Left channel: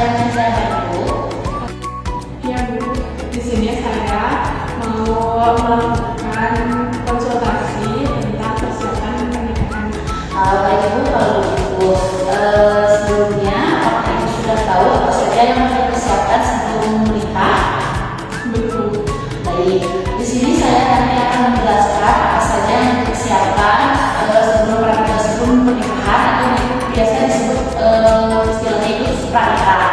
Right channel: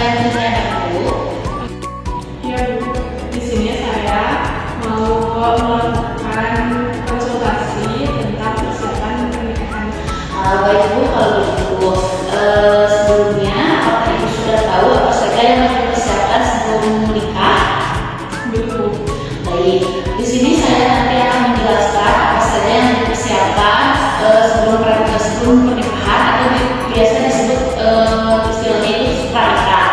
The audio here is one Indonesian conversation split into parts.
yang ingin saya bantu? Ya Bu, di sini saya mau melakukan konsultasi tentang persiapan pernikahan. Baik Bu, kalau begitu sebelumnya apakah Ibu sudah tahu apa saja yang harus dipersiapkan sebelum menikah? Belum. Baik, di sini saya nanti akan menjelaskan apa saja yang dipersiapkan sebelum pernikahan atau biasa disebut istilahnya itu pranikah.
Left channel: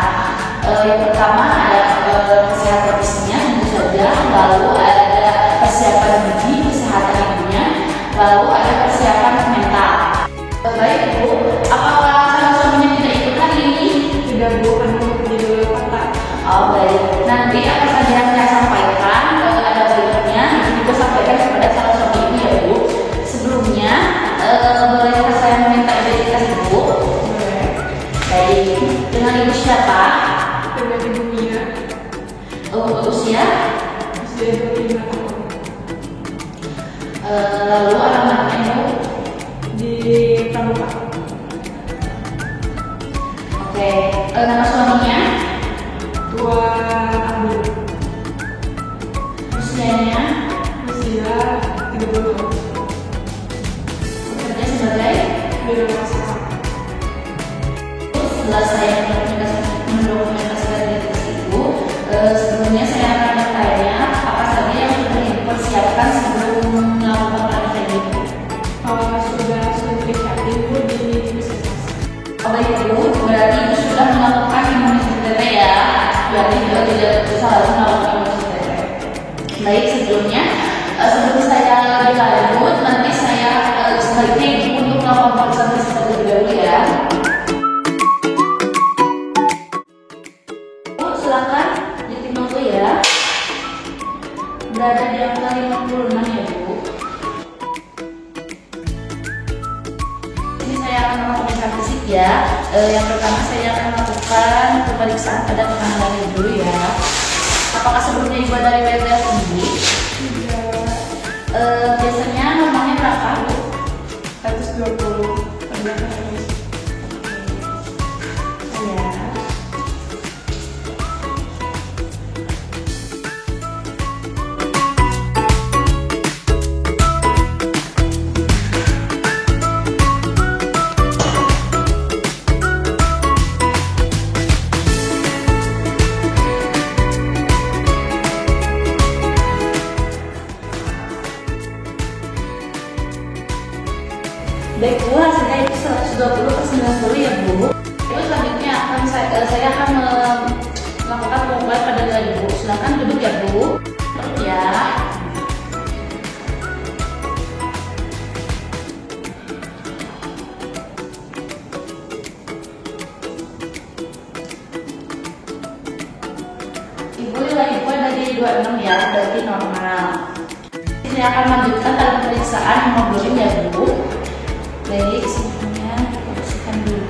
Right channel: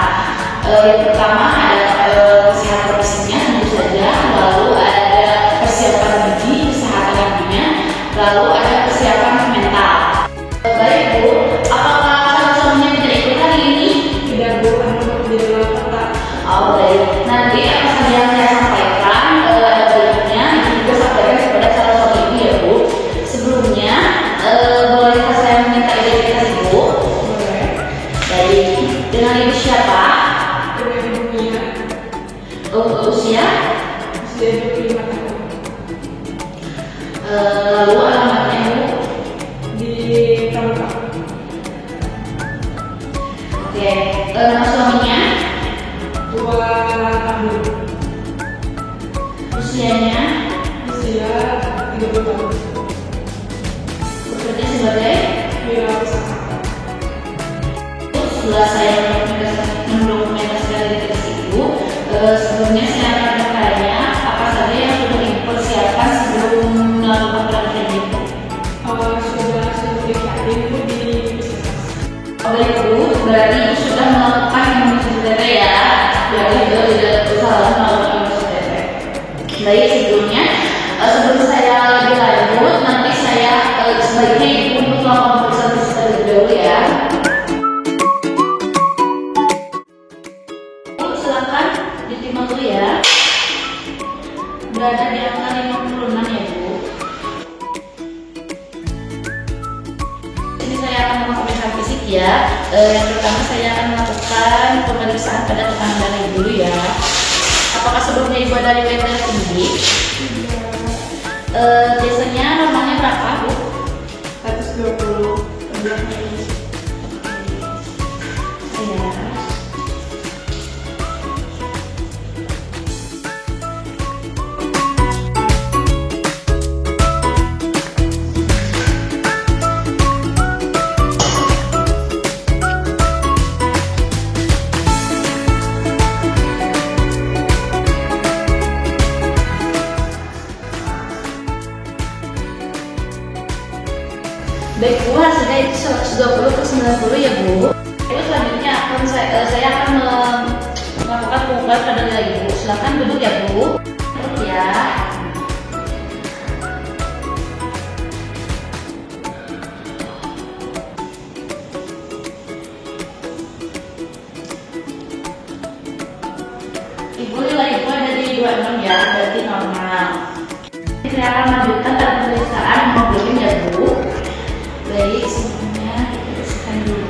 Yang pertama ada persiapan fisiknya tentu saja, lalu ada persiapan gigi kesehatan ibunya, lalu ada persiapan mental. Baik Bu, apakah calon suaminya tidak ikut hari ini? Tidak Bu, kan bekerja di luar kota. Oh baik, nanti apa saja yang saya sampaikan berikutnya Ibu juga sampaikan kepada calon suami Ibu ya Bu. Sebelumnya bolehkah saya meminta identitas Ibu? Boleh. Baik, dengan Ibu siapa? Dengan Ibu Mia, Untuk usia? usia 25 tahun. Lalu alamatnya Ibu? Di Pramuka. Oke, nama suaminya? Tua Abdul. Usianya? Usia 30 tahun. Bekerja sebagai? Wirausaha. Setelah saya mendokumentasikan identitas Ibu, sebelumnya saya akan bertanya apa saja yang sudah Ibu persiapkan sebelum melakukan pernikahan Ibu. Sudah sertifikasi itu di puskesmas. Baik Bu, berarti Ibu sudah melakukan imunisasi TB ya. Berarti Ibu tidak usah melakukan imunisasi TB. Baik, sebelum saya lebih lanjut, nanti saya sebaiknya Ibu untuk melakukan pemeriksaan fisik terlebih dahulu ya. Bu, silakan ditimbang dulu ya. Berada di angka 56 ya Bu. Ini saya akan melakukan pemeriksaan fisik ya. Yang pertama saya akan melakukan pemeriksaan pada tekanan darah Ibu dulu ya. Apakah sebelumnya Ibu ada riwayat darah tinggi? Biasanya normalnya berapa Bu? 120 per 200. Iya. Baik Bu, hasilnya itu 120 per 90 ya Bu. Ibu selanjutnya saya akan melakukan pengukuran pada nilai Ibu. Silakan duduk ya Bu. Ya. Ibu nilai Ibu ada di 26 ya, berarti normal. Saya akan melanjutkan pada pemeriksaan hemoglobin ya Bu. Baik, sebelumnya kita bersihkan dulu.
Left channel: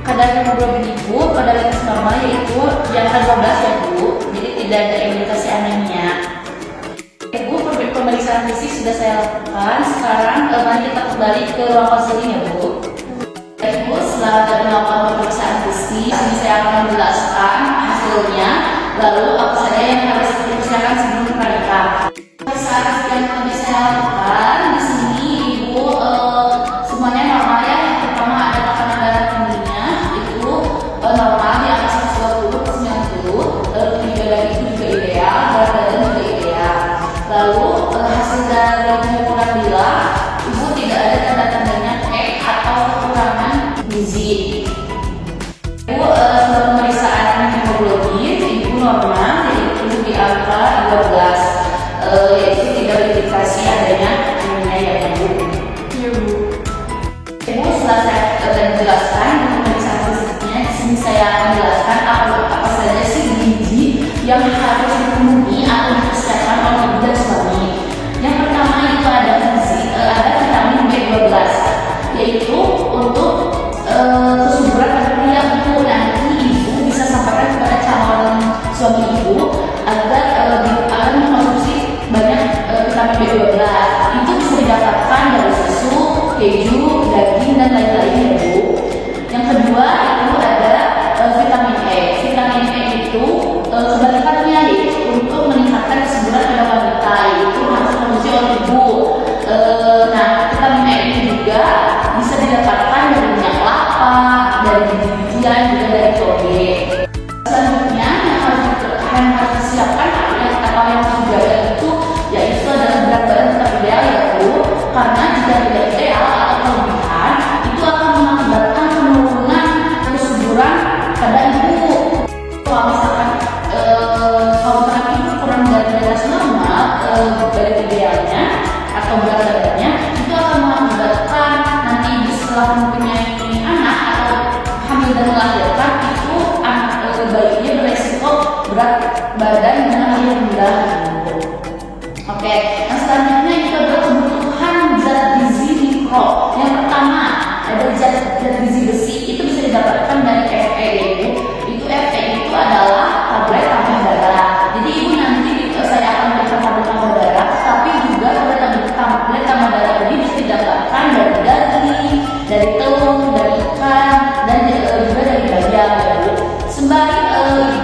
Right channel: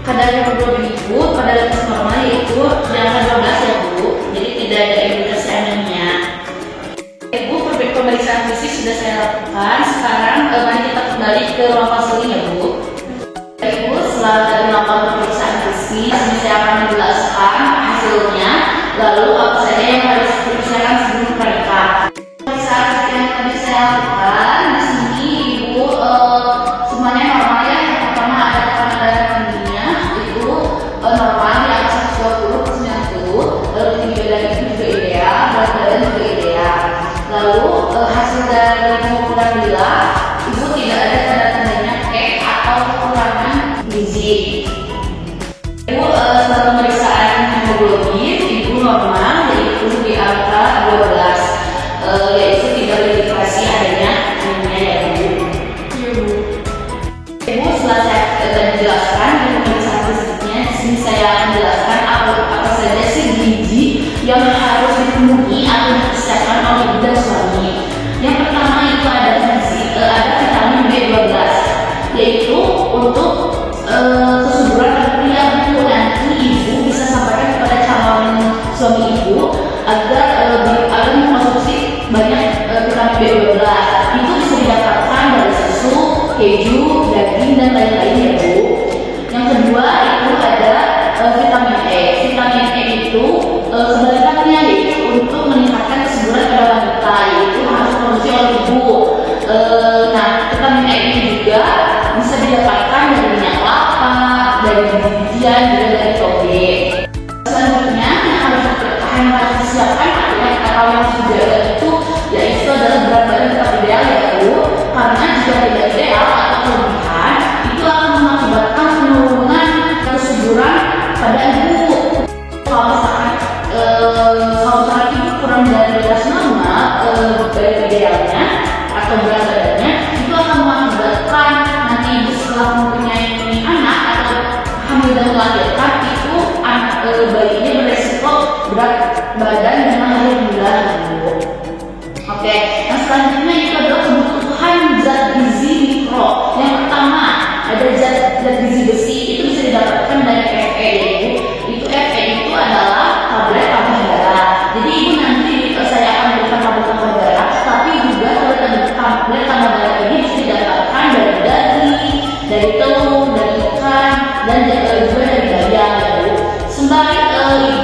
Kadar hemoglobin Ibu pada batas normal yaitu di angka 12 ya Bu, jadi tidak ada indikasi anemia. Ibu, pemeriksaan fisik sudah saya lakukan. Sekarang mari kita kembali ke ruang konseling ya Bu. Ibu, setelah dari melakukan pemeriksaan fisik, ini saya akan menjelaskan hasilnya, lalu apa saja yang harus dipersiapkan sebelum pernikahan. Pemeriksaan fisik yang tadi saya lakukan di sini Ibu semuanya normal ya. Yang pertama ada tekanan darah tingginya itu normal di atas 120 per 90, lalu tinggi badan itu juga ideal, berat badan juga ideal. Lalu hasil dari pengukuran bila Ibu tidak ada tanda-tandanya atau kekurangan gizi. Ibu setelah pemeriksaan hemoglobin Ibu normal yaitu di angka 12, yaitu tidak indikasi adanya anemia ya Bu. Iya Bu. Ibu, setelah saya menjelaskan pemeriksaan fisiknya, di sini saya akan menjelaskan apa saja sih gizi yang harus dipenuhi atau dipersiapkan oleh keju, daging, dan lain-lain ya Bu. Yang kedua itu ada vitamin E. Vitamin E itu kebalikannya yaitu untuk meningkatkan kesuburan pada wanita, yaitu harus produksi oleh ibu. Nah, vitamin E ini juga bisa didapatkan dari minyak kelapa, dari biji-bijian, juga dari toge. Selanjutnya yang harus disiapkan atau yang juga itu yaitu adalah berat badan tetap ideal ya Bu, karena jika tidak ideal atau kelebihan itu akan mengakibatkan penurunan kesuburan pada ibu. Kalau misalkan kalau berat ibu kurang dari batas normal dari idealnya atau berat badannya, itu akan mengakibatkan nanti ibu setelah mempunyai anak atau hamil dan melahirkan itu anak bayinya beresiko berat badan dengan lahir rendah. Oke, yang selanjutnya itu adalah kebutuhan zat gizi mikro. Yang pertama ada zat gizi besi, itu bisa didapatkan dari Fe yaitu Fe itu adalah tablet tambah darah. Jadi ini nanti saya akan berikan tablet tambah darah, tapi juga tablet tambah darah ini bisa didapatkan dari daging, dari telur, dari ikan, dan juga dari bayam ya Bu. Sembari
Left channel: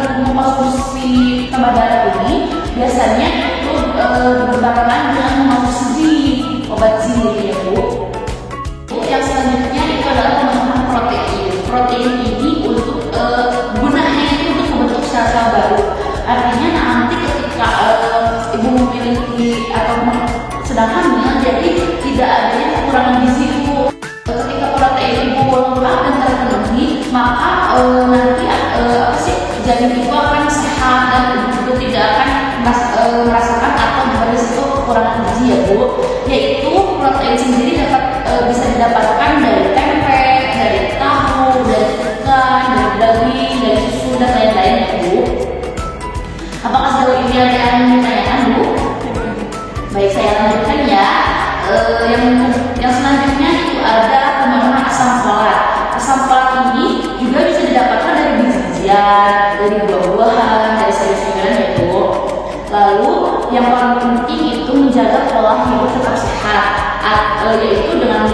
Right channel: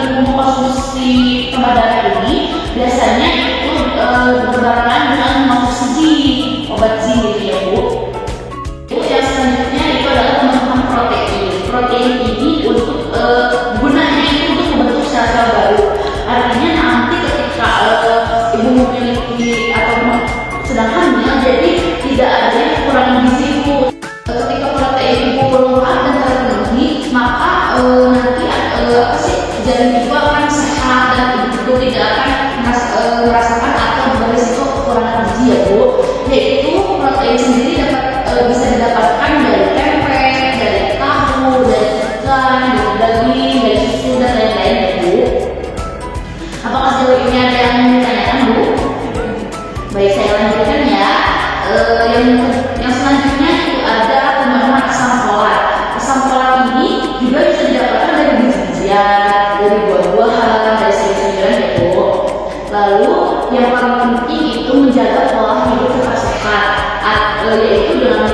ibu mengkonsumsi tambah darah ini, biasanya itu berbarengan dengan mengkonsumsi obat zinc ya Bu. Yang selanjutnya itu adalah pemenuhan protein. Protein ini untuk gunanya itu untuk membentuk sel-sel baru. Artinya nanti ketika ibu memiliki atau sedang hamil, jadi tidak ada yang kekurangan gizi ibu. Ketika protein ibu lengkap dan terpenuhi, maka nanti janin ibu akan sehat dan ibu tidak akan merasakan atau berisiko kekurangan gizi ya Bu. Yaitu protein sendiri bisa didapatkan dari tempe, dari tahu, dari ikan, dari daging, dari susu, dan lain-lain ya Bu. Apakah sejauh ini ada yang ditanyakan Bu? Baik, saya lanjutkan ya. Yang selanjutnya itu ada pemenuhan asam folat. Asam folat ini juga bisa didapatkan dari biji-bijian, dari buah-buahan, dari sayur-sayuran ya Bu. Lalu yang paling penting itu menjaga pola hidup tetap sehat, yaitu dengan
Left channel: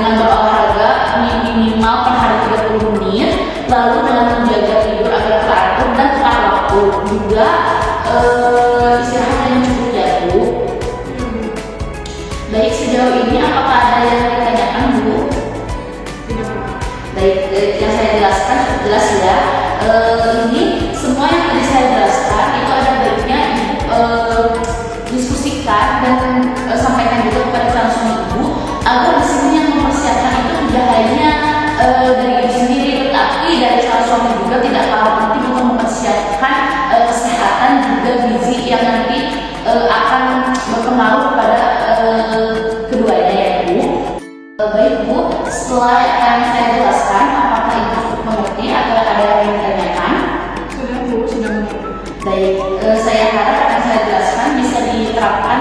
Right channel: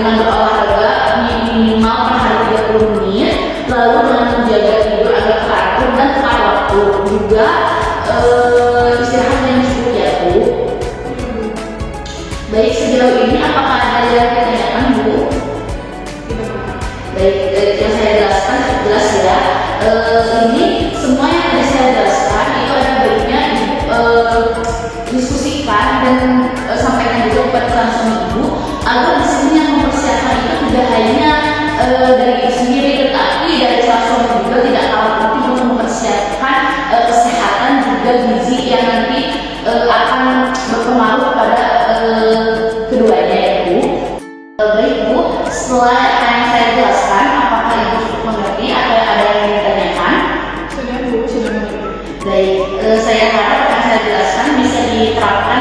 berolahraga minimal per hari 30 menit, lalu dengan menjaga tidur agar teratur dan tepat waktu, juga istirahat yang cukup ya Bu. Baik, sejauh ini apakah ada yang ditanyakan Bu? Baik, yang saya jelaskan jelas ya. Ini semua yang ada saya jelaskan itu ada baiknya diskusikan dan sampaikan juga kepada calon suami ibu, agar di sini yang mempersiapkan itu tidak hanya dari ibu sendiri, tetapi dari calon suami juga tidak kalah penting untuk mempersiapkan kesehatan juga gizi yang nanti akan berpengaruh kepada keduanya ya Bu. Baik Bu, setelah yang saya jelaskan, apakah ibu mengerti atau ada yang ditanyakan? Sudah Bu, sudah mengerti. Baik, saya harap yang saya jelaskan bisa diterapkan